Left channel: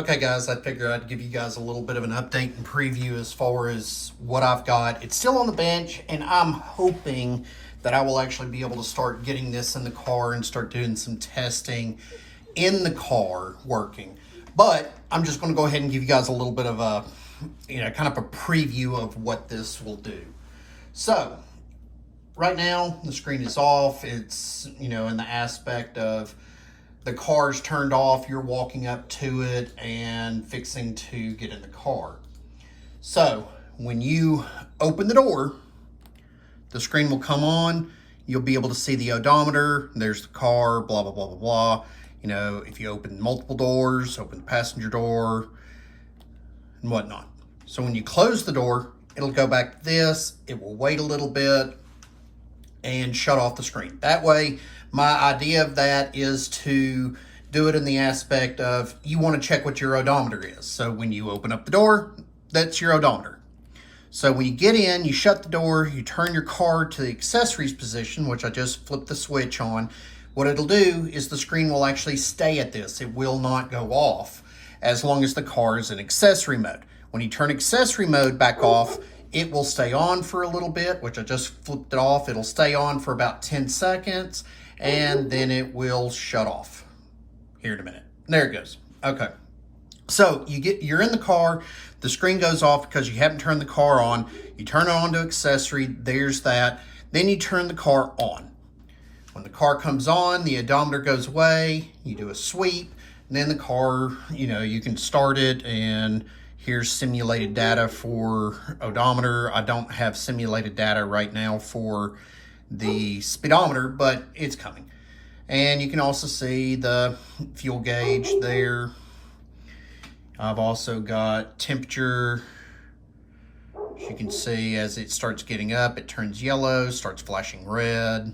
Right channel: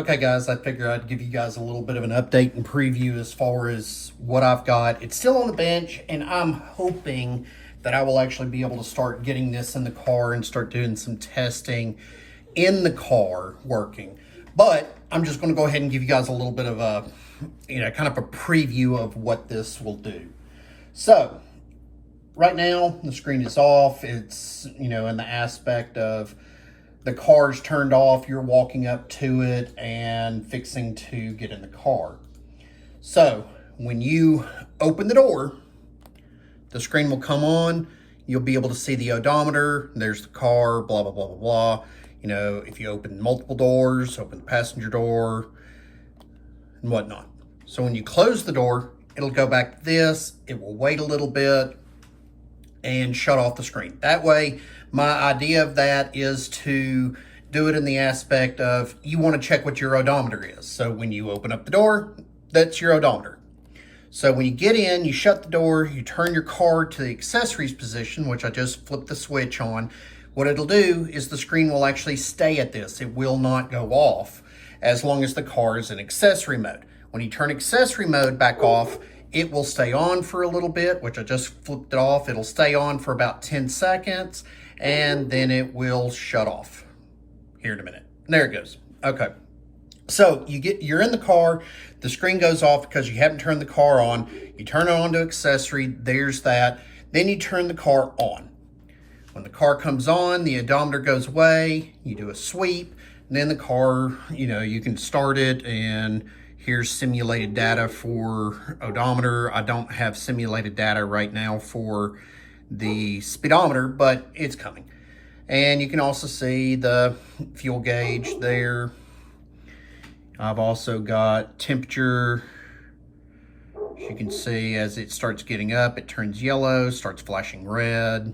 Okay guys, I figured I'd give you guys a little bit of an update and preview as far as what I've got. It's still on the bench and I'm hoping that I will actually be able to start getting this in the car and start doing some testing in the car working. But I'm just going to go ahead and give you guys a little bit of a, kind of a preview of what this will do. So right now the screen is off. It's, in the aspect of the car's turned off, you're walking up to it and fixing to get in the car. So when you open the door, the screen will come on. You'll be able to see the odometer. There's the car, blah, blah, blah, blah, blah. If you open multiple doors, open the passenger door and whatnot. So when you close the door, it'll go back to this. It will wait a little bit and shut off the screen. That way, my idea of that is to do it in the aspect of you want to check what your odometer is. So when you open up the door, that's your odometer. So when you get in, you shut the door, you turn your car to the accessories position, which I just flipped the switch on. What it'll do is the screen will actually stay at this. It will not go off as long as the car is in accessory mode. When you turn accessory mode back off, it will stay on for a little bit, which I just flipped it off. It'll stay on for about 10 seconds. And then it will shut off here in a minute. There it goes. Okay. So you're in the car, the screen goes off because you haven't turned the car on. You turn it on to accessory, there's that. Then you turn the car on. When the car comes on, the odometer goes away, you do a sweep, and then the car, you can start it, and here's simulated data for odometer. I don't have simulated data right now for the speedometer, but it's coming. And you can also see the fuel gauge there. I've also got temperature. As you can see, as it starts getting up, it turns yellow, starts flashing red,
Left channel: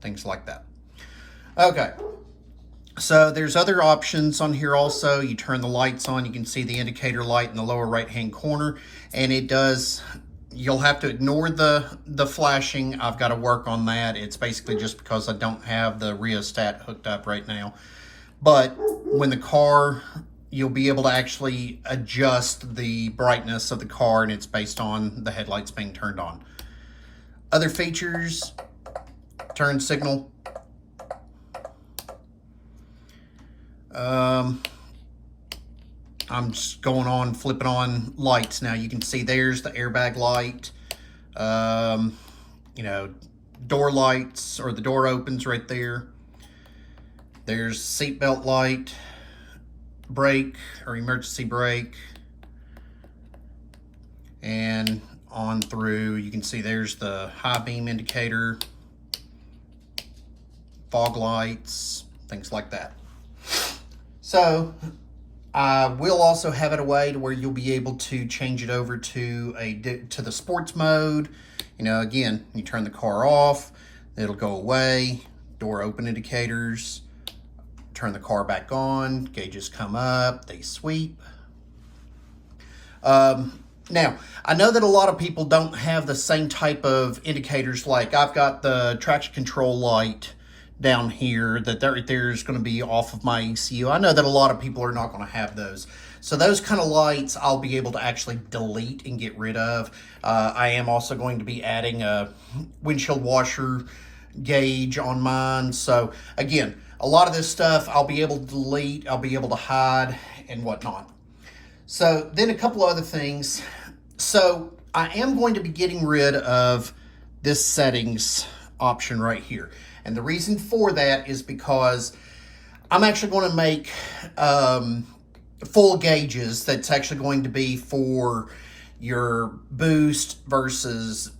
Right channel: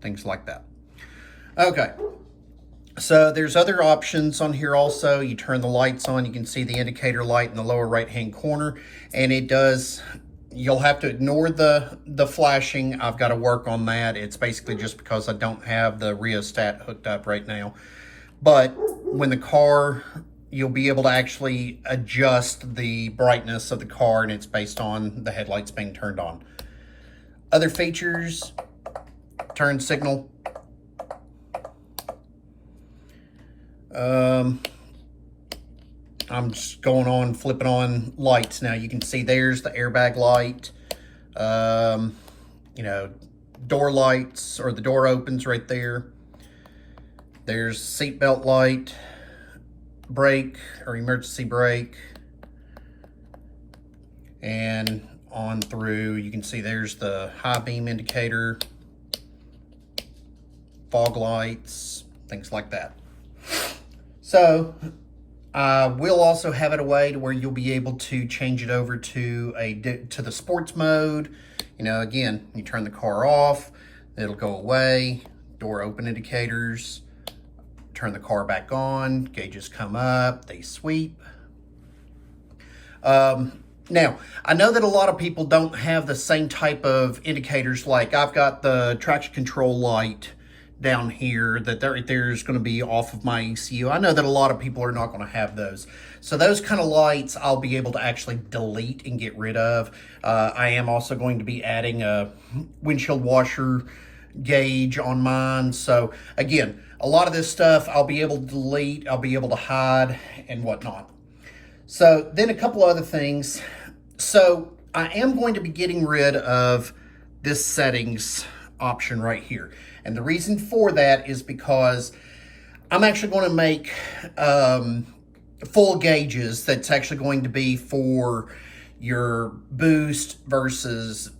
things like that. Okay, so there's other options on here also. You turn the lights on, you can see the indicator light in the lower right-hand corner, and it does. You'll have to ignore the flashing. I've got to work on that. It's basically just because I don't have the rheostat hooked up right now. But when the car, you'll be able to actually adjust the brightness of the car, and it's based on the headlights being turned on. Other features, turn signal. I'm just going on, flipping on lights now. You can see there's the airbag light, door lights, or the door opens right there. There's seatbelt light, brake or emergency brake, and on through, you can see there's the high beam indicator, fog lights, things like that. So I will also have it a way to where you'll be able to change it over to the sports mode. Again, you turn the car off, it'll go away, door open indicators, turn the car back on, gauges come up, they sweep. Now, I know that a lot of people don't have the same type of indicators. Like I've got the traction control light down here that there's going to be off of my ECU. I know that a lot of people are not going to have those. So those kind of lights I'll be able to actually delete and get rid of. I am also going to be adding a windshield washer gauge on mine. So again, a lot of this stuff I'll be able to delete, I'll be able to hide and whatnot. So then a couple other things. So I am going to be getting rid of this settings option right here. And the reason for that is because I'm actually going to make full gauges that's actually going to be for your boost versus,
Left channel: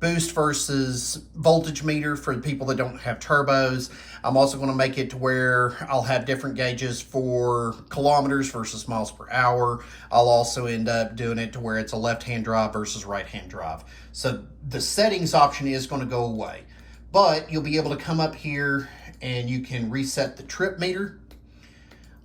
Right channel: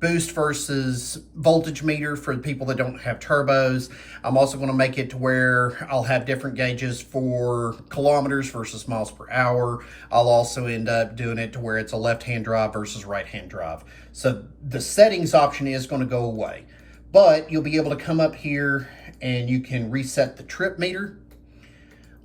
boost versus voltage meter for the people that don't have turbos. I'm also going to make it to where I'll have different gauges for kilometers versus miles per hour. I'll also end up doing it to where it's a left-hand drive versus right-hand drive. So the settings option is going to go away. But you'll be able to come up here and you can reset the trip meter.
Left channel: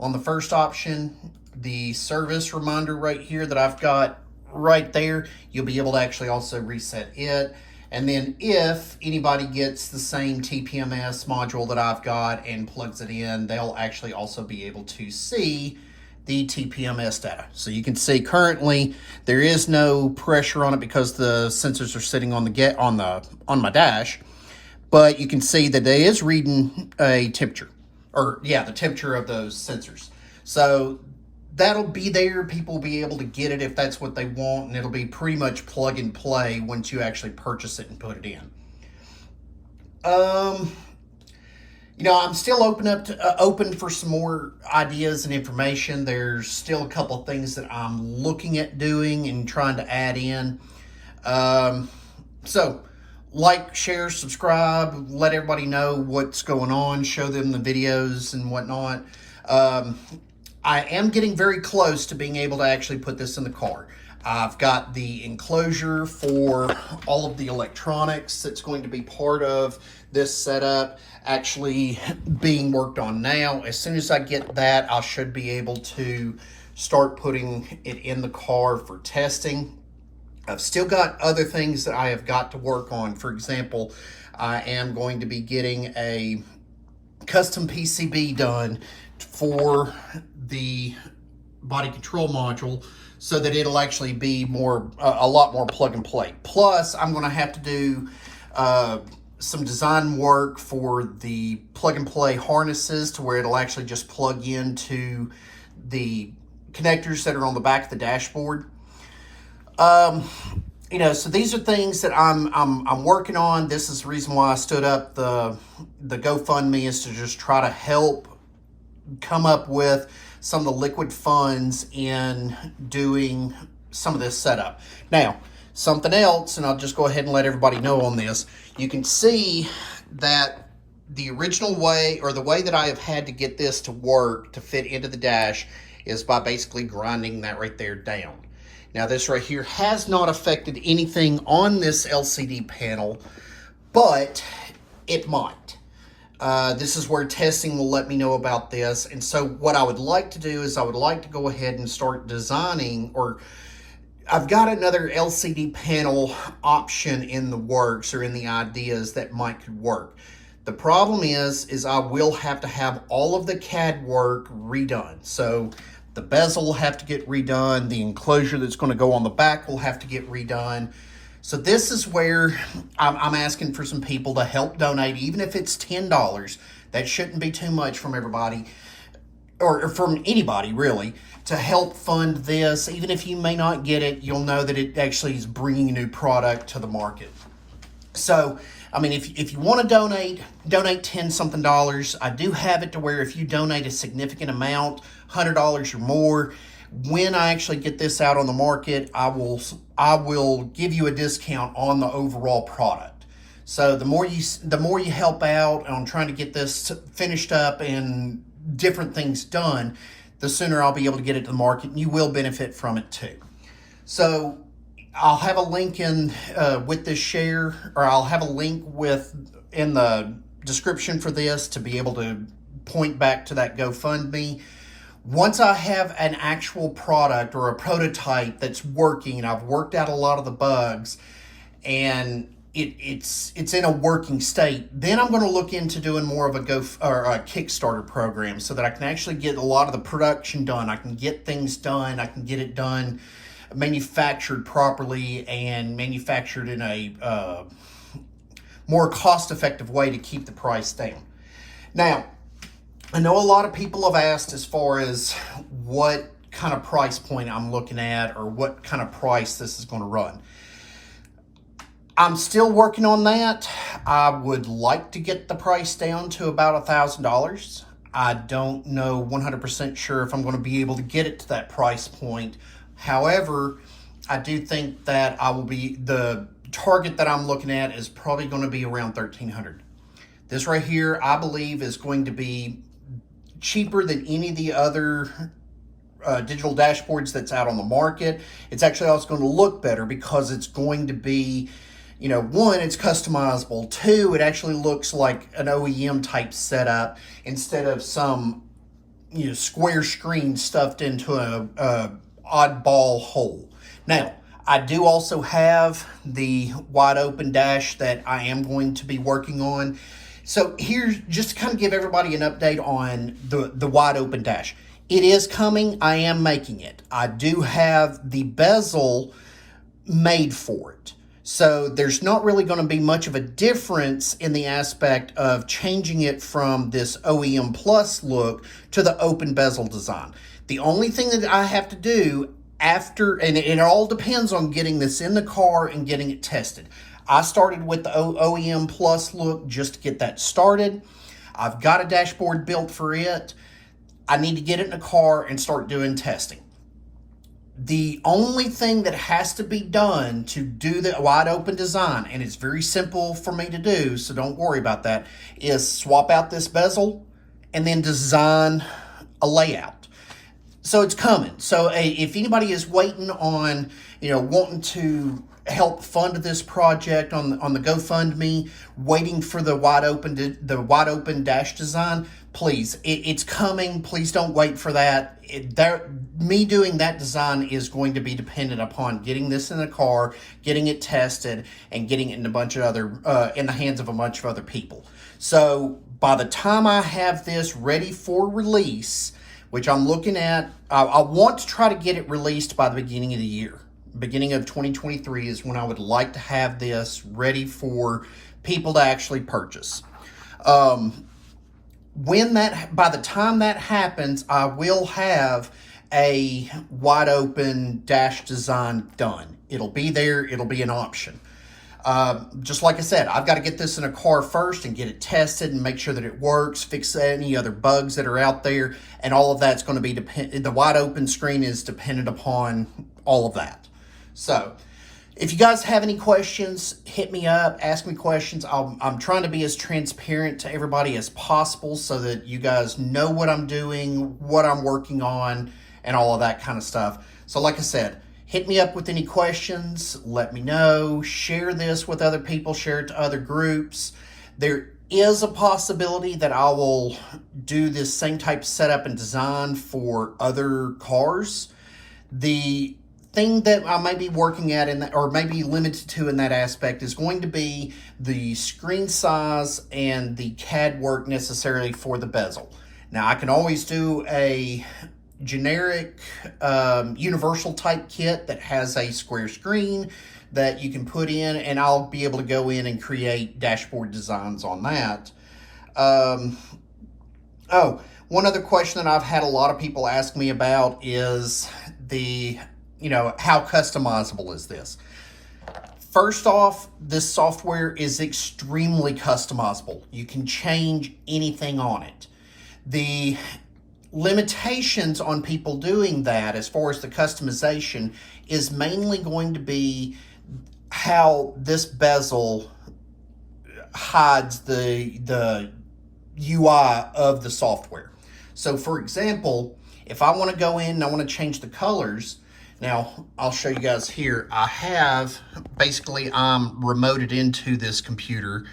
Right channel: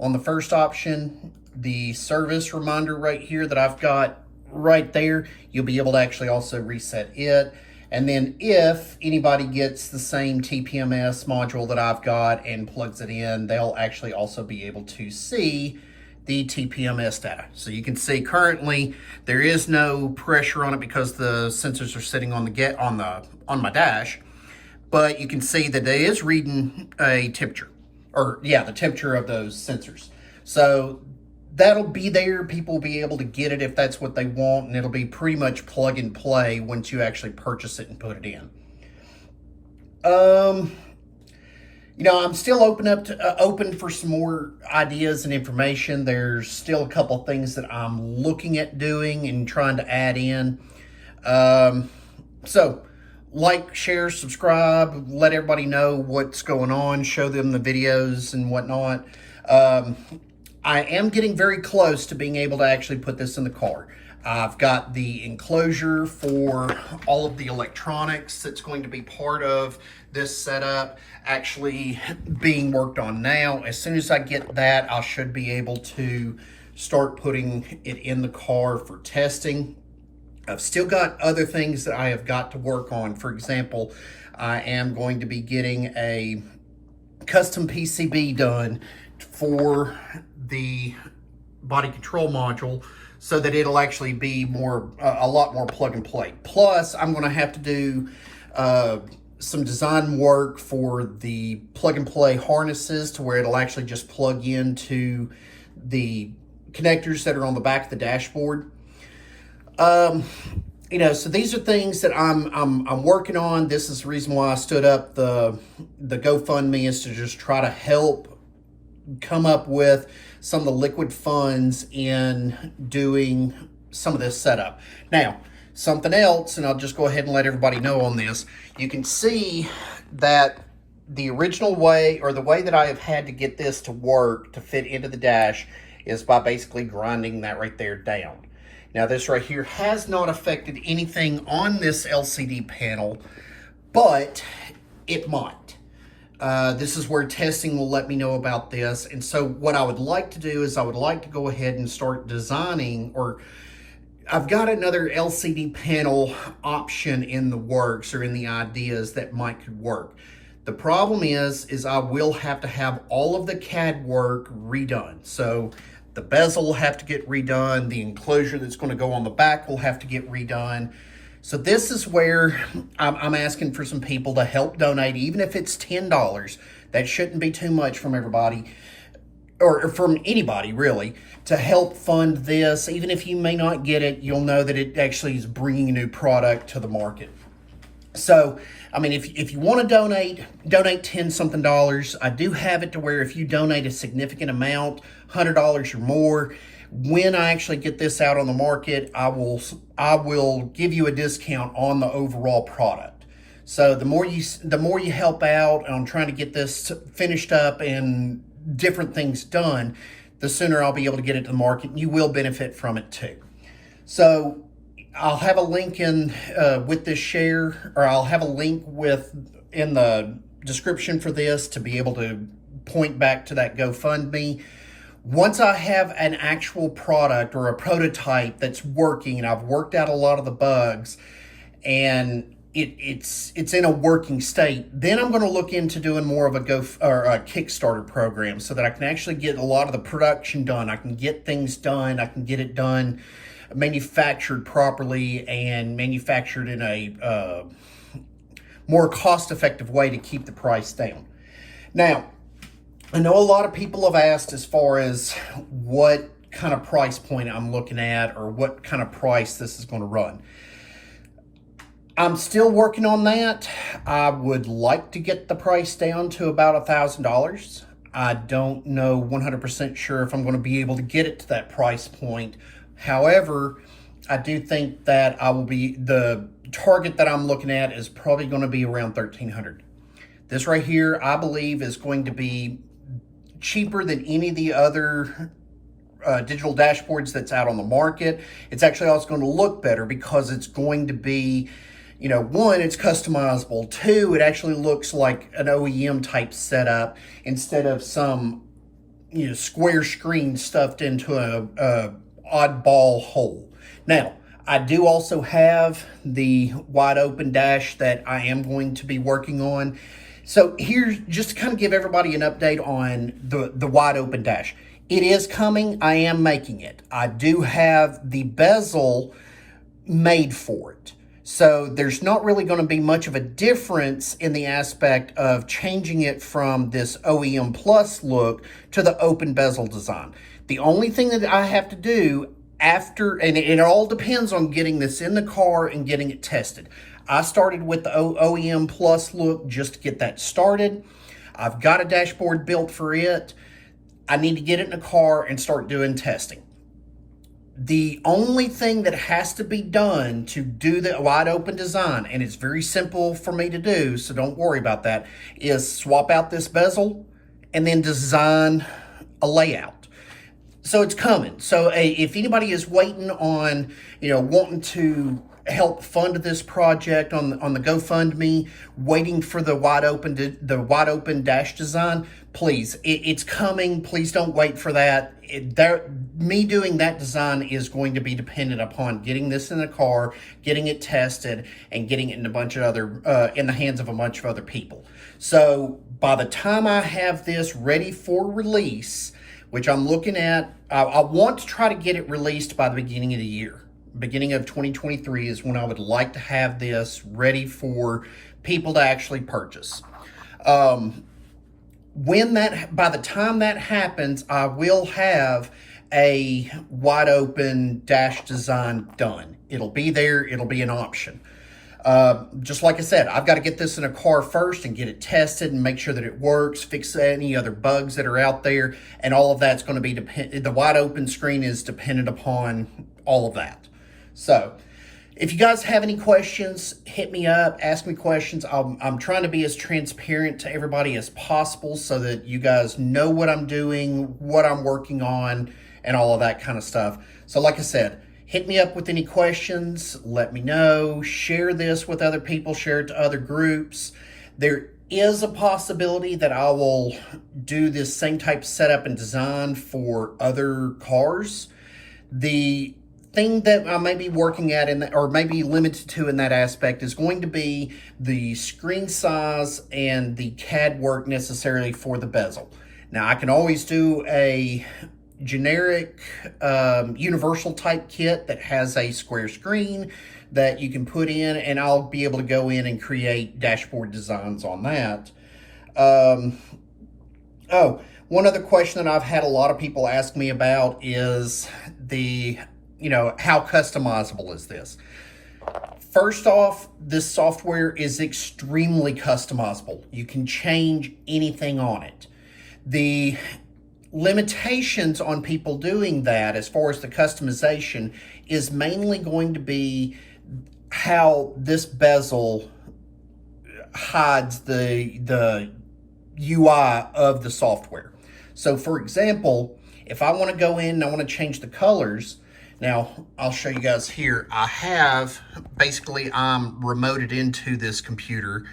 On the first option, the service reminder right here that I've got right there, you'll be able to actually also reset it. And then if anybody gets the same TPMS module that I've got and plugs it in, they'll actually also be able to see the TPMS data. So you can see currently there is no pressure on it because the sensors are sitting on my dash, but you can see that it is reading a temperature, or yeah, the temperature of those sensors. So that'll be there. People will be able to get it if that's what they want, and it'll be pretty much plug and play once you actually purchase it and put it in. You know, I'm still open for some more ideas and information. There's still a couple of things that I'm looking at doing and trying to add in. So like, share, subscribe, let everybody know what's going on, show them the videos and whatnot. I am getting very close to being able to actually put this in the car. I've got the enclosure for all of the electronics that's going to be part of this setup actually being worked on now. As soon as I get that, I should be able to start putting it in the car for testing. I've still got other things that I have got to work on. For example, I am going to be getting a custom PCB done for the body control module so that it'll actually be a lot more plug and play. Plus, I'm going to have to do some design work for the plug and play harnesses to where it'll actually just plug into the connectors that are on the back of the dashboard. You know, so these are things that I'm working on. This is the reason why I stood up the GoFundMe, is to just try to help come up with some of the liquid funds in doing some of this setup. Now, something else, and I'll just go ahead and let everybody know on this. You can see that the original way, or the way that I have had to get this to work to fit into the dash, is by basically grinding that right there down. Now, this right here has not affected anything on this LCD panel, but it might. This is where testing will let me know about this. And so what I would like to do is I would like to go ahead and start designing, or I've got another LCD panel option in the works, or in the ideas that might could work. The problem is I will have to have all of the CAD work redone. So the bezel will have to get redone. The enclosure that's going to go on the back will have to get redone. So this is where I'm asking for some people to help donate, even if it's $10. That shouldn't be too much from everybody, or from anybody really, to help fund this. Even if you may not get it, you'll know that it actually is bringing a new product to the market. So, I mean, if you want to donate $10-something. I do have it to where if you donate a significant amount, $100 or more, when I actually get this out on the market, I will give you a discount on the overall product. So the more you help out on trying to get this finished up and different things done, the sooner I'll be able to get it to the market, and you will benefit from it too. So I'll have a link in with this share, or I'll have a link in the description for this to be able to point back to that GoFundMe. Once I have an actual product or a prototype that's working, and I've worked out a lot of the bugs, and it's in a working state, then I'm going to look into doing more of a Kickstarter program, so that I can actually get a lot of the production done. I can get things done. I can get it done, manufactured properly, and manufactured in a more cost-effective way to keep the price down. Now, I know a lot of people have asked as far as what kind of price point I'm looking at, or what kind of price this is going to run. I'm still working on that. I would like to get the price down to about $1,000. I don't know 100% sure if I'm going to be able to get it to that price point. However, I do think that the target that I'm looking at is probably going to be around $1,300. This right here, I believe, is going to be cheaper than any of the other digital dashboards that's out on the market. It's actually also going to look better because it's going to be, you know, one, it's customizable. Two, it actually looks like an OEM type setup instead of some, you know, square screen stuffed into a oddball hole. Now, I do also have the wide open dash that I am going to be working on. So here's just to kind of give everybody an update on the wide open dash. It is coming. I am making it. I do have the bezel made for it. So there's not really going to be much of a difference in the aspect of changing it from this OEM Plus look to the open bezel design. The only thing that I have to do after, and it all depends on getting this in the car and getting it tested. I started with the OEM Plus look just to get that started. I've got a dashboard built for it. I need to get it in the car and start doing testing. The only thing that has to be done to do the wide open design, and it's very simple for me to do, so don't worry about that, is swap out this bezel and then design a layout. So it's coming. So if anybody is waiting on, wanting to help fund this project on the GoFundMe, waiting for the wide open dash design, please, it's coming. Please don't wait for that. Me doing that design is going to be dependent upon getting this in the car, getting it tested, and getting it in in the hands of a bunch of other people. So by the time I have this ready for release, which I'm looking at, I want to try to get it released by the beginning of the year. Beginning of 2023 is when I would like to have this ready for people to actually purchase. By the time that happens, I will have a wide open dash design done. It'll be there. It'll be an option. Just like I said, I've got to get this in a car first and get it tested and make sure that it works, fix any other bugs that are out there, and all of that's going to be the wide open screen is dependent upon all of that. So if you guys have any questions, hit me up, ask me questions. I'm trying to be as transparent to everybody as possible so that you guys know what I'm doing, what I'm working on, and all of that kind of stuff. So like I said, hit me up with any questions, let me know, share this with other people, share it to other groups. There is a possibility that I will do this same type of setup and design for other cars. The thing that I may be working at or maybe limited to in that aspect is going to be the screen size and the CAD work necessarily for the bezel. Now I can always do a generic universal type kit that has a square screen that you can put in, and I'll be able to go in and create dashboard designs on that. One other question that I've had a lot of people ask me about is how customizable is this? First off, this software is extremely customizable. You can change anything on it. The limitations on people doing that as far as the customization is mainly going to be how this bezel hides the UI of the software. So for example, if I want to go in and I want to change the colors, now I'll show you guys here. I'm remoted into this computer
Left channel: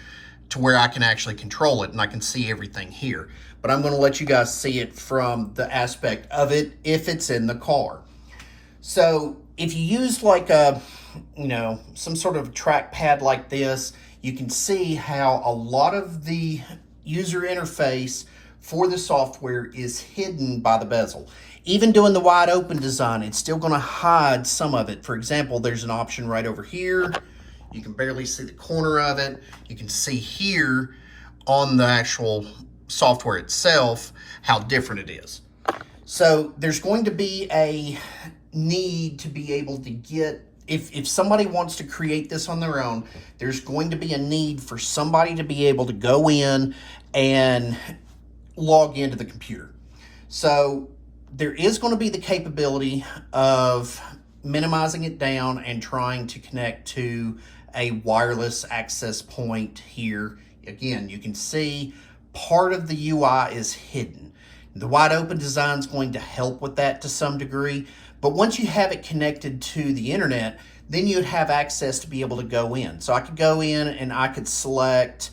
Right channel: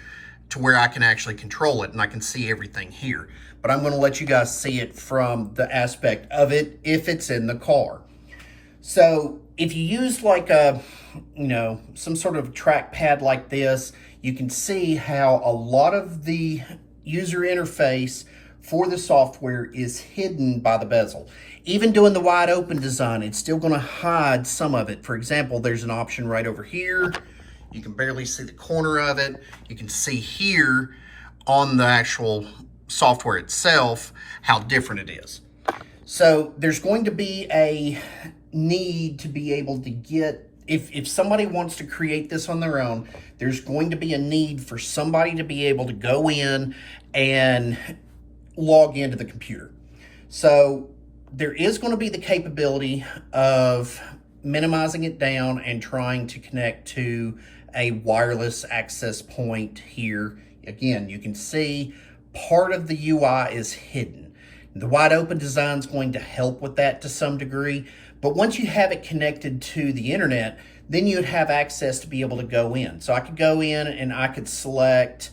to where I can actually control it and I can see everything here. But I'm going to let you guys see it from the aspect of it if it's in the car. So if you use like some sort of trackpad like this, you can see how a lot of the user interface for the software is hidden by the bezel. Even doing the wide open design, it's still going to hide some of it. For example, there's an option right over here. You can barely see the corner of it. You can see here on the actual software itself how different it is. So there's going to be a need to be able to get, if somebody wants to create this on their own, there's going to be a need for somebody to be able to go in and log into the computer. So there is going to be the capability of minimizing it down and trying to connect to a wireless access point here. Again, you can see part of the UI is hidden. The wide open design is going to help with that to some degree, but once you have it connected to the internet, then you'd have access to be able to go in. So I could go in and I could select,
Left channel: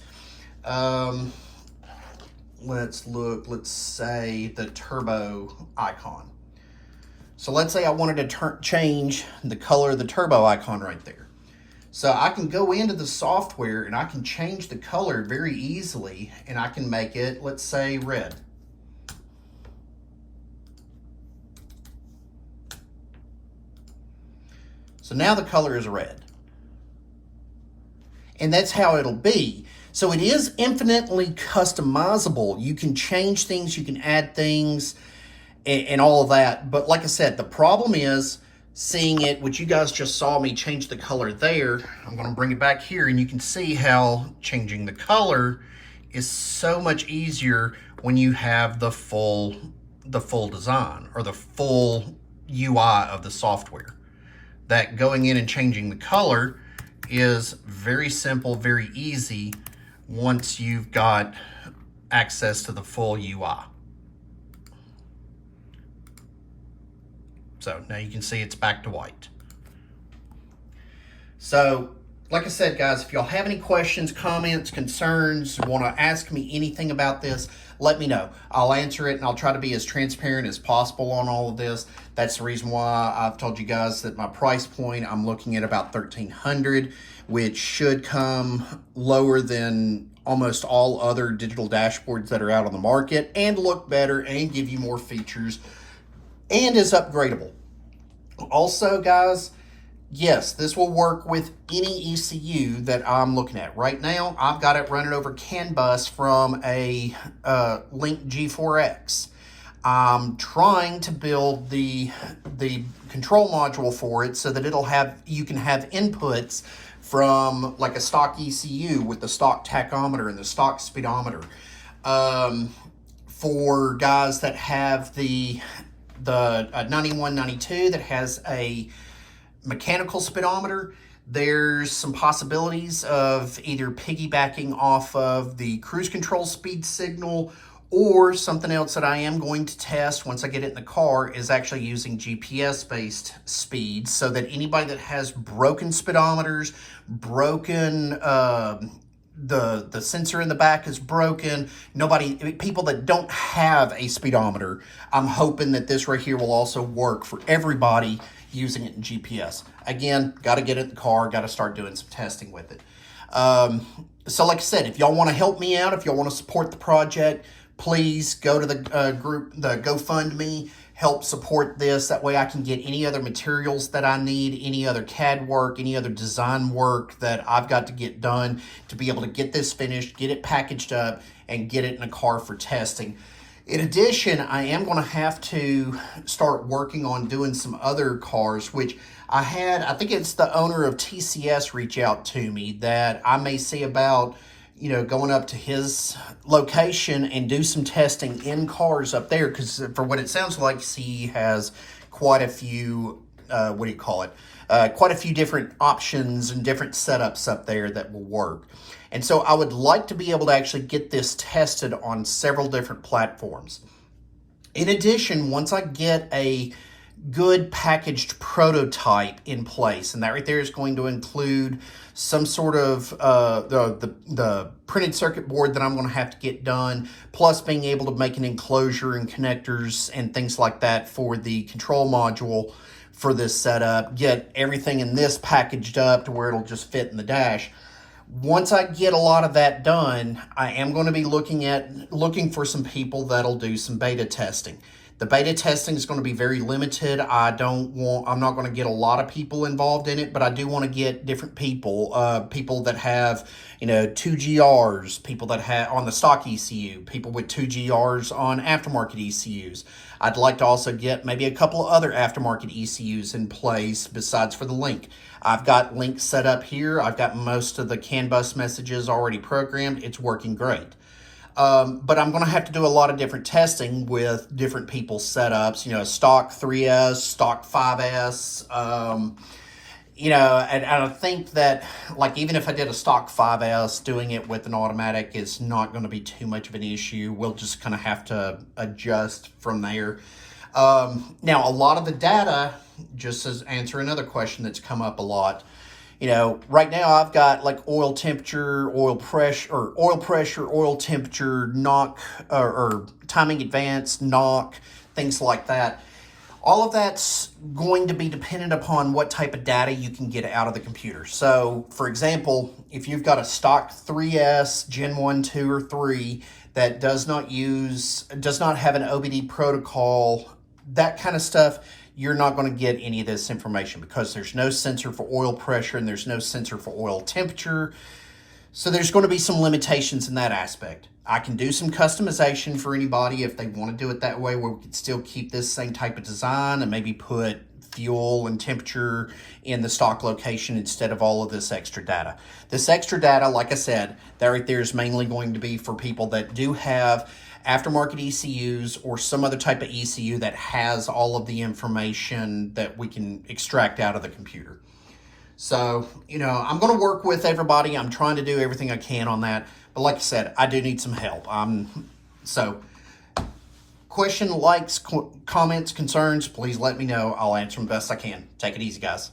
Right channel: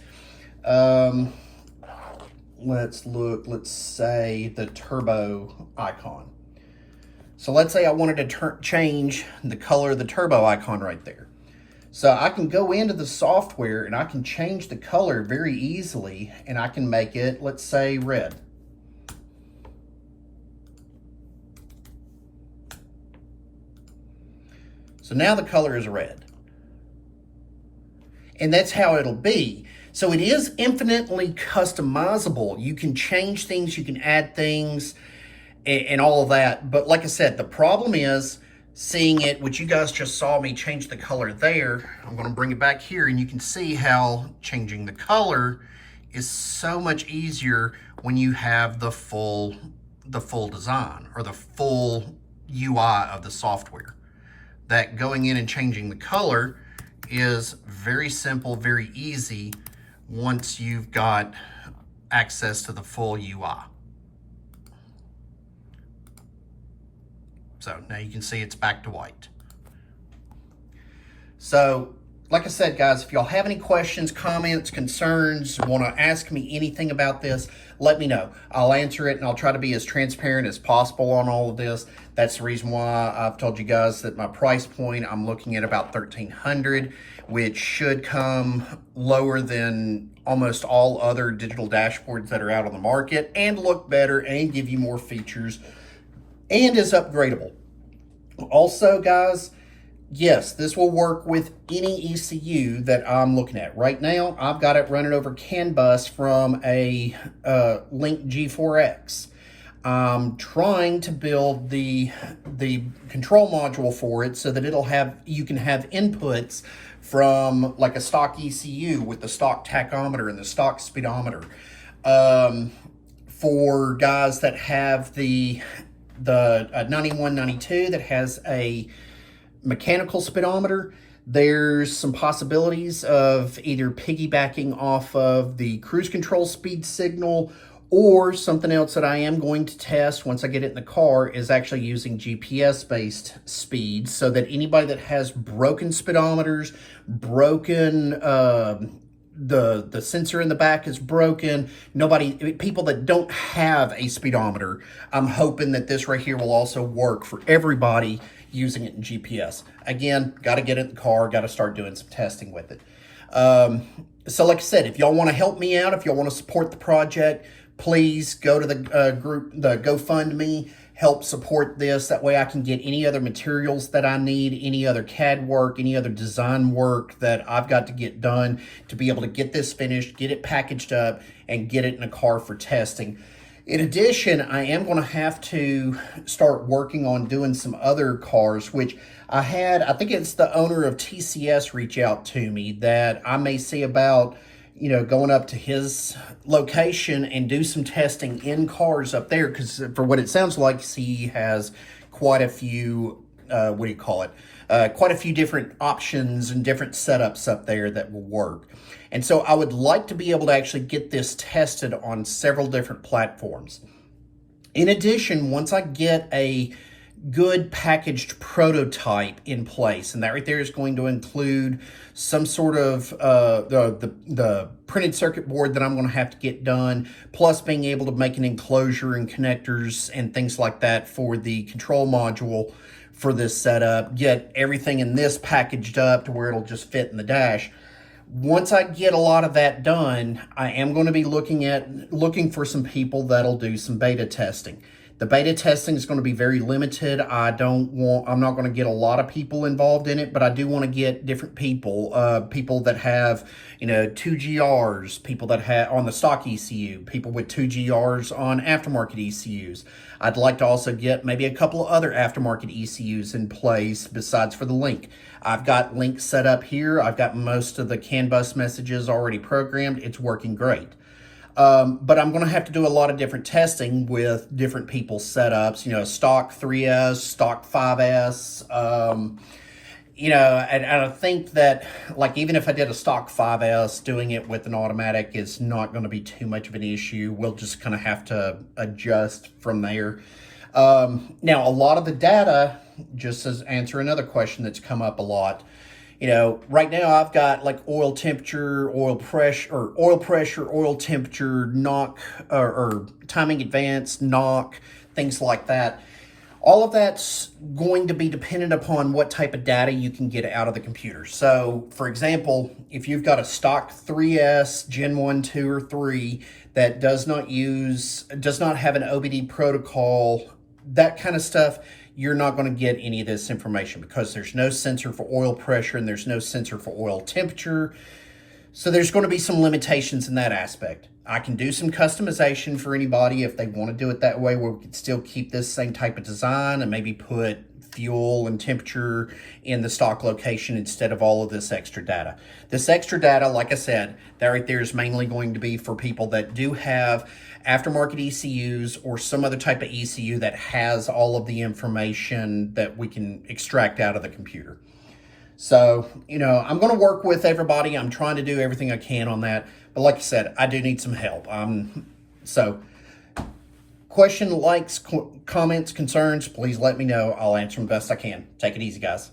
let's say the turbo icon. So let's say I wanted to change the color of the turbo icon right there. So I can go into the software and I can change the color very easily, and I can make it, let's say, red. So now the color is red. And that's how it'll be. So it is infinitely customizable. You can change things, you can add things, and all of that. But like I said, the problem is seeing it, which you guys just saw me change the color there. I'm gonna bring it back here, and you can see how changing the color is so much easier when you have the full design, or the full UI of the software. That going in and changing the color is very simple, very easy once you've got access to the full UI. So now you can see it's back to white. So like I said, guys, if y'all have any questions, comments, concerns, want to ask me anything about this, let me know. I'll answer it, and I'll try to be as transparent as possible on all of this. That's the reason why I've told you guys that my price point, I'm looking at about $1,300, which should come lower than almost all other digital dashboards that are out on the market, and look better and give you more features, and is upgradable. Also, guys, yes, this will work with any ECU that I'm looking at. Right now, I've got it running over CAN bus from a Link G4X. I'm trying to build the control module for it so that you can have inputs from like a stock ECU with the stock tachometer and the stock speedometer. For guys that have the 9192 that has a mechanical speedometer, there's some possibilities of either piggybacking off of the cruise control speed signal, or something else that I am going to test once I get it in the car is actually using GPS-based speeds, so that anybody that has broken speedometers, broken the sensor in the back is broken, people that don't have a speedometer, I'm hoping that this right here will also work for everybody using it in GPS. Again, got to get it in the car, got to start doing some testing with it. So like I said, if y'all want to help me out, if y'all want to support the project, please go to the the GoFundMe, help support this. That way I can get any other materials that I need, any other CAD work, any other design work that I've got to get done to be able to get this finished, get it packaged up, and get it in a car for testing. In addition, I am going to have to start working on doing some other cars, which I think it's the owner of TCS reach out to me that I may see about, going up to his location and do some testing in cars up there, because for what it sounds like, CE has quite a few, quite a few different options and different setups up there that will work. And so I would like to be able to actually get this tested on several different platforms. In addition, once I get a good packaged prototype in place, and that right there is going to include some sort of the printed circuit board that I'm going to have to get done, plus being able to make an enclosure and connectors and things like that for the control module for this setup, get everything in this packaged up to where it'll just fit in the dash. Once I get a lot of that done, I am going to be looking for some people that'll do some beta testing. The beta testing is going to be very limited. I'm not going to get a lot of people involved in it, but I do want to get different people, people that have, 2GRs, people that have on the stock ECU, people with 2GRs on aftermarket ECUs. I'd like to also get maybe a couple of other aftermarket ECUs in place besides for the Link. I've got Link set up here. I've got most of the CAN bus messages already programmed. It's working great. But I'm going to have to do a lot of different testing with different people's setups, stock 3S, stock 5S, and I think that, like, even if I did a stock 5S, doing it with an automatic is not going to be too much of an issue. We'll just kind of have to adjust from there. Now, a lot of the data, just as answer another question that's come up a lot, right now I've got like oil temperature, oil pressure, oil temperature, knock, or timing advance, knock, things like that. All of that's going to be dependent upon what type of data you can get out of the computer. So, for example, if you've got a stock 3S, Gen 1, 2, or 3 that does not have an OBD protocol, that kind of stuff, you're not going to get any of this information because there's no sensor for oil pressure and there's no sensor for oil temperature. So there's going to be some limitations in that aspect. I can do some customization for anybody if they want to do it that way, where we can still keep this same type of design and maybe put fuel and temperature in the stock location instead of all of this extra data. This extra data, like I said, that right there is mainly going to be for people that do have aftermarket ECUs or some other type of ECU that has all of the information that we can extract out of the computer. So, you know, I'm going to work with everybody. I'm trying to do everything I can on that. But like I said, I do need some help. So question, likes, comments, concerns, please let me know. I'll answer them best I can. Take it easy, guys.